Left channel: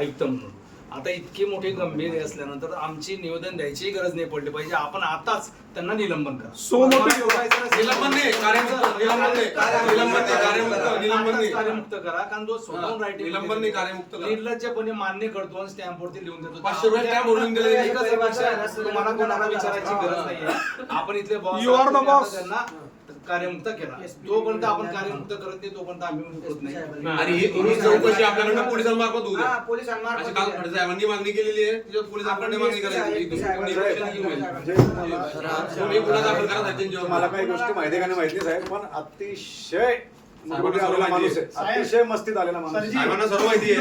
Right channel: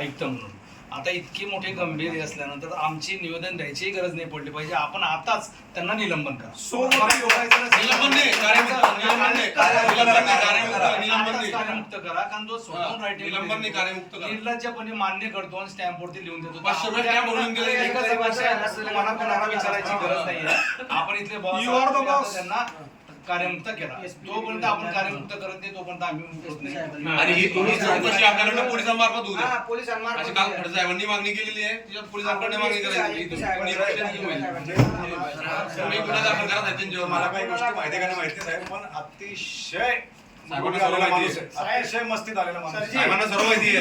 आयुक्त म्हणून. आता इतकी मोठी गंभीर असल्यानंतर आमची निवेदन द्यायची गरज नाही पडली पाहिजे. आपण आताच त्यांना निलंबन करा. कार्यमुक्त करा, कारण जो स्वतःहून रायटिंग निर्लज्जपणे मान्य करतो आणि स्टॅम्पवरती लिहून देतो. तुम्हाला कोणाला विचारायची गरज नाही. आपण इथले बॉस त्यांना कार्यमुक्त केला. जोपर्यंत आपण कार्यमुक्त करत नाही तोपर्यंत आम्ही मुक्त नाही. आणि ही चौकशी आपल्याकडे पोलिसांमार्फत होऊ द्या. पोलिसांमार्फत काल खडसाहेबांनी मागणी केलेली आहे, तिच्यात पोलिसांकडे मागणी करायची. गुन्हा दाखल करा त्यांच्यावर. मला काही गोष्टी माहिती का नाही माहिती साहेब, पण अतिशय अतिशय मस्तीत आलेला माणूस. साहेबांना सर्व माहिती आहे.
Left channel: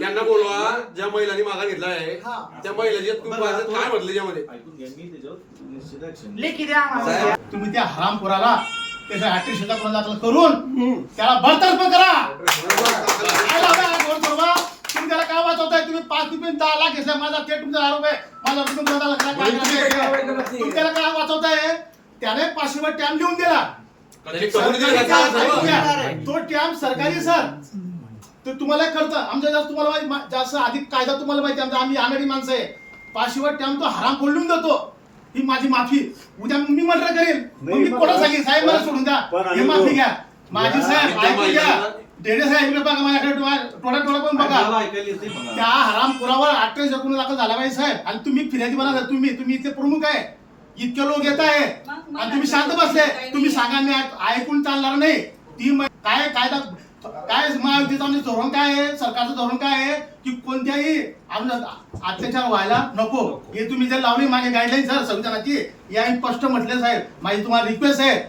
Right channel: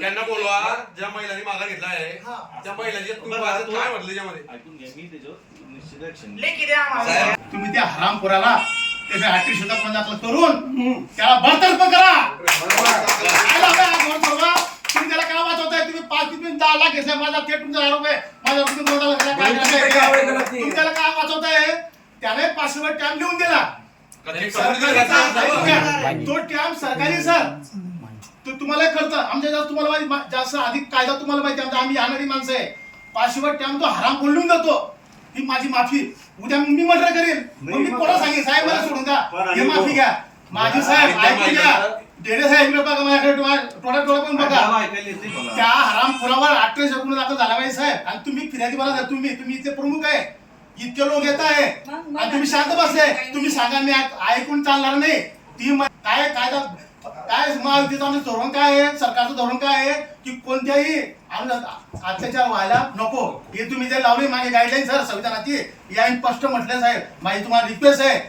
त्यांना बोलवा ज्या महिलांनी मागा घेतला आहे त्या महिलांची काय म्हटलं त्यामध्ये ऐकून घ्या. मी त्याच्यावर निश्चित ऍक्शन. तुम्ही त्या हरामखोराला त्याच्या अॅट्रिशनचा दाखल करून त्याला बरतर्फ करा. तुम्ही त्याला काय वाचवताय? तुम्ही 5 ते 10 लाख घेतला, माझा थेट तुमचा आरोप आहे. तुम्ही त्याला काय वाचवताय? त्याने 500 रुपये टॅम लिहून दिला. तो टॅम सरकारी सर तो तुम्हाला करतं. आमच्या जास्त तुम्हाला जास्त अधिक कायदा तुम्हाला माहिती. आम्ही आणारी माणसं आहे. 500 रुपये टॅम तो हराम खोलून देतो. ही माझी माफी. उद्या मी मर्डर करेल, मी कोणा सांगेन साहेब मला सोडून द्या, हे माफी घ्या माझी. साहेब ऐकून घ्या. डेडे साहेब बघा माझ्याकडे थोडा पण बघा. त्या हरामखोरावर 28 गुन्हा दाखल झाला पाहिजे साहेब. आणि तुम्ही फिर्यादी बना. तुम्ही इथे प्रमुख आहे. इतके लोक येत आहे आणि तुम्ही शांत बसले. तुम्ही सांगा मी ऐकून चालणार नाही. ती काय कायदा काय महायुतीचं आमचं धोरण काय आहे, सरकारचं धोरण काय आहे की कोणत्याही अत्याचार व्हायला नको. हे तुम्ही जर लावली माझी गाईडलाईन सर संविधानाची या स्पष्ट म्हटले साहेब. माझी तुम्हाला रिक्वेस्ट आहे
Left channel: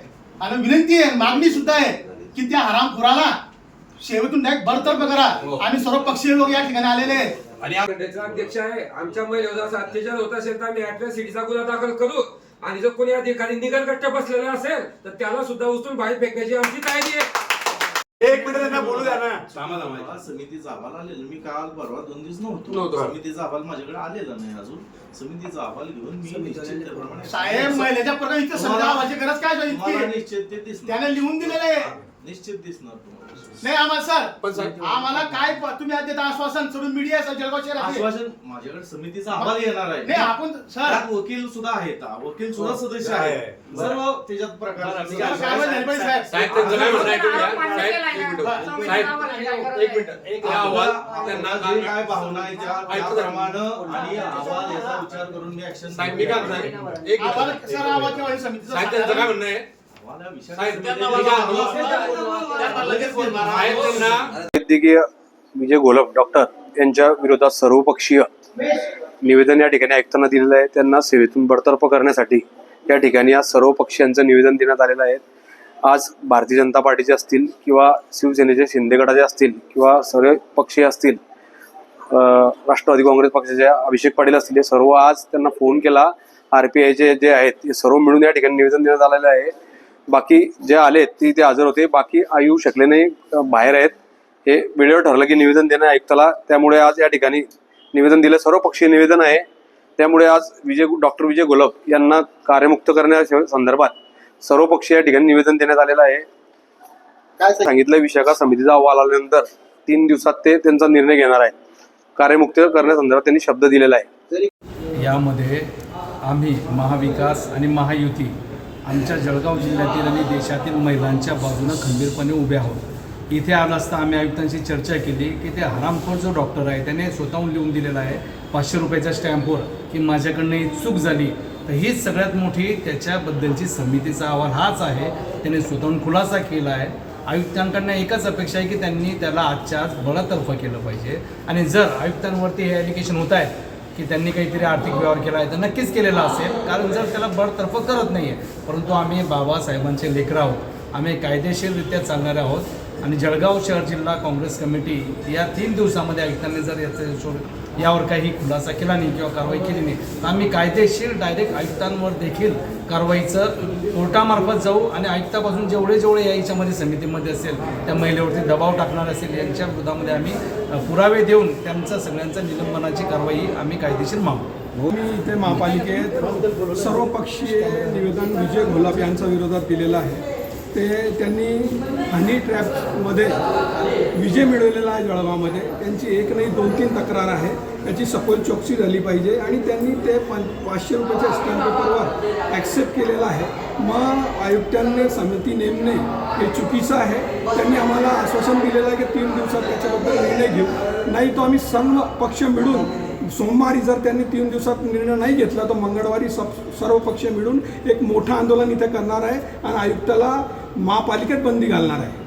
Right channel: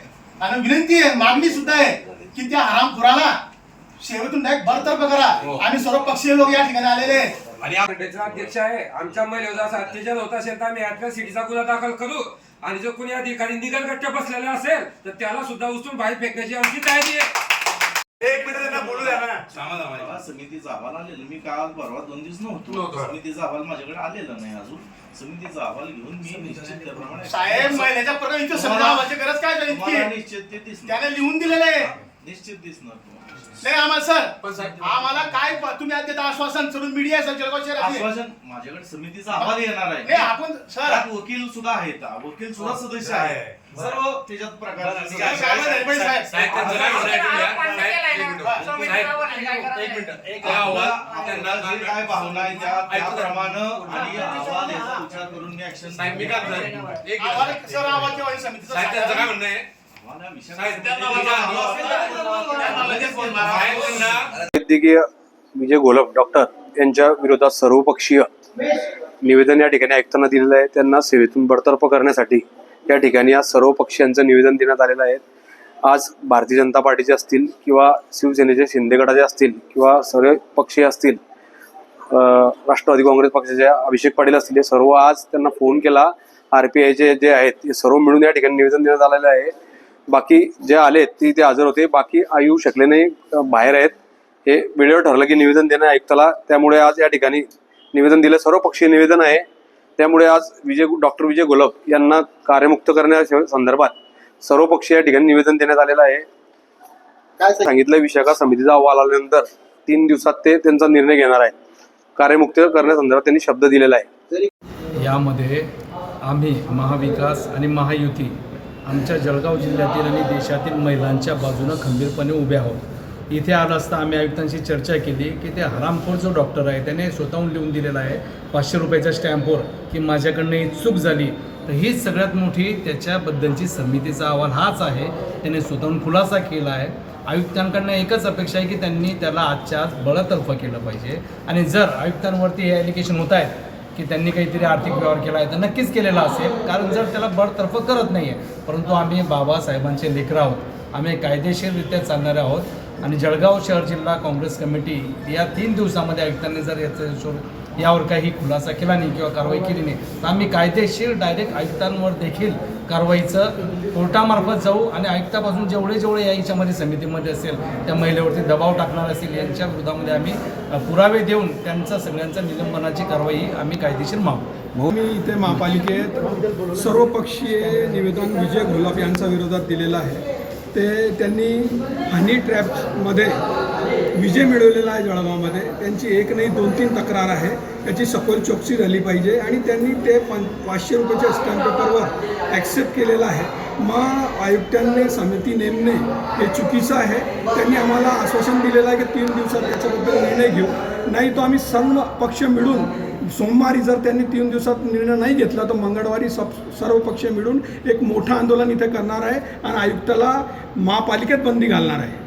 आणि विनंती आहे, मागणी सुद्धा आहे की त्या हरामखोराला सेवेतून डायरेक्ट बरतर्फ करा. आणि सर्व पक्षीय लोक या ठिकाणी आलेले आहेत. आणि अध्यक्ष आहे. आमच्या महिलेवर असा अत्याचार होत असेल तर आम्ही ऍट्रॉसिटीचा गुन्हा दाखल करू. आणि जो कोणी अधिकारी निगलगट्ट बसलेला असेल तर त्याला सुद्धा उचलून बाहेर फेकण्याची आमची तयारी आहे. एक मिनिट बोलू द्या ना. समितीचा अहवाल आलेला. मी काल परवा 2 दिवस नव्हतो. समितीचा अहवाल माझ्याकडे आलेला नाही अजून. समितीचा अहवाल घेऊन मी निश्चित त्याप्रमाणे साहेब महिलेच्या प्रकरणी इथे समजावायची गरज काय झाली? निश्चित ते दिसणार. त्याने लिहून दिलेले आहे. निश्चित दिसणार तुम्हाला. नाही आम्हाला सर आम्हाला काय तुम्ही देता आश्वासन सोडून मीडिया सर आश्वासन माझ्याकडे समितीचा अहवाल येणार आहे. नाही आपण सर त्यात वकील सुद्धा आहेत. वकील सुद्धा सदस्य आहे. सर्व त्याच्यात प्रकार काय भावना आहे त्याप्रमाणे आणि अहवाल याचा विचार करून मी ऍक्शन सर आवाज समितीचा वैद्यकीय विजय घोलप डॉक्टर यांच्या विरोधात सर्वपक्षीय निवेदन या ठिकाणी आयुक्तांना दिलेलं आहे. त्यांना सेवेतून बडतर्फ करण्यासाठी या ठिकाणी आज सर्व पक्षीयांचं निवेदन देण्यात आलेलं आहे. आज भारतीय जनता पार्टीचे असतील किंवा शिवसेनेचे शिंदे गटाचे असतील किंवा सर्व पक्षीय असतील, राष्ट्रवादी काँग्रेस पक्षाचे अभिषेक पाटील असतील, हे सर्व आज त्यांना फोन केला. RPIचे जे आहेत ते सर्व मिळून या ठिकाणी निवेदन देण्यात आलेलं आहे. बाकी जे आले ते हजर होते, बाकी येऊ शकले नाही, बाहेर आहेत. हे वेळेवर ठरलं की निवेदन देणं आयुक्ताला, त्यामुळे आज या ठिकाणी निवेदन दिलं. सर्व पक्षीय निवेदन आहे. त्यामुळे आज डॉक्टर विजय घोलप यांना कार्यमुक्त करण्याच्या संदर्भात सर्व पक्षीय या ठिकाणी निवेदन देण्यात आलेलं आहे. काय सांगितलं, विशाखा समितीचा अहवाल आल्यानंतर 3 दिवसात ते त्यांचा निर्णय घेणार आहे. कार्यमुक्त करण्यासंदर्भात त्यांनी शब्द दिलेला आहे. यामध्ये आम्ही महाविकास आणि महायुती आमच्या जळगाव जिल्ह्यातील आणि देशातील महिलांच्या बाजूनं खंबीरपणे उभे आहोत. इथे आलं असता आम्ही आयुक्तांशी चर्चा केली की ते हरामखोर जो डॉक्टर आहे त्याने स्वतःहून लिहून दिलेला आहे 500 रुपयाच्या स्टॅम्पवर की माझ्याकडनं ही चूक झाली. तर हीच सगळ्यात मोठी त्याच्याबद्दलची समितीचा अहवाल हाच आहे. त्याने स्वतःहून खुलासा केला आहे. आयुक्तांकडनं एकच अपेक्षा आहे की त्यांनी त्याला आजच्या आज बळतर्फ केलं पाहिजे. आणि जर आयुक्तांवरती हे ॲलिगेशन होत आहे की त्यांनी काहीतरी आर्थिक व्यवहार केला आहे तर नक्कीच केलेला असेल, कारण जर त्याला बळतर्फ करत नाही आहे. परंतु आम्ही बाबासाहेबांचे लेकरं आहोत. आम्ही कायदेशीररित्या चालणारे आहोत. आणि जळगाव शहर जिल्हा काँग्रेस कमिटी या 3 दिवसामध्ये आयुक्तांनी जर यावर काही खुलासा केला नाही किंवा कारवाई केली नाही तर आम्ही कायदेशीर डायरेक्ट आयुक्तांवर देखील कारवाईचं कोर्टामार्फत जाऊ आणि आयुक्तापासून जेवढे याच्यामध्ये समितीमध्ये असेल त्या महिलेवरती दबाव टाकणार असेल यांच्या विरोधामध्ये आम्ही पुरावे देऊन त्यांचा सगळ्यांचा निलंबनाची कारवाई आम्ही कायदेशीर मागू. मी इथे महापालिकेत सर्वपक्षीय निवेदन विजय घोलाप यांच्या विरोधात दिलेलं आहे. त्यांनी हनी ट्रॅपमध्ये विजय मिळवलेला आहे जळगावमध्ये. त्यांची एक नाही 2-3 तक्रार आहे. त्याची सखोल चौकशी झाली पाहिजे आणि त्यांनी ते 500 रुपयाच्या स्टॅम्प पेपरवर ॲक्सेप्ट केलेलं आहे. मग आयुक्तांनी समिती नेमणे हे चुकीचं आहे. त्यांनी आम्हाला आश्वासन दिलेलं आहे की 3 दिवसात त्याच्याबद्दल निर्णय घेऊ. नाही तो आम्ही सर्व पक्ष मिळून सोमवारी जर त्यांनी 3 दिवसात निर्णय नाही घेतला तर मंगळवारी सर्व पक्ष मिळून एक मोठं आंदोलन इथे करणार आहे आणि आयुक्ताला महापालिकेत बंदी घालणार आहे.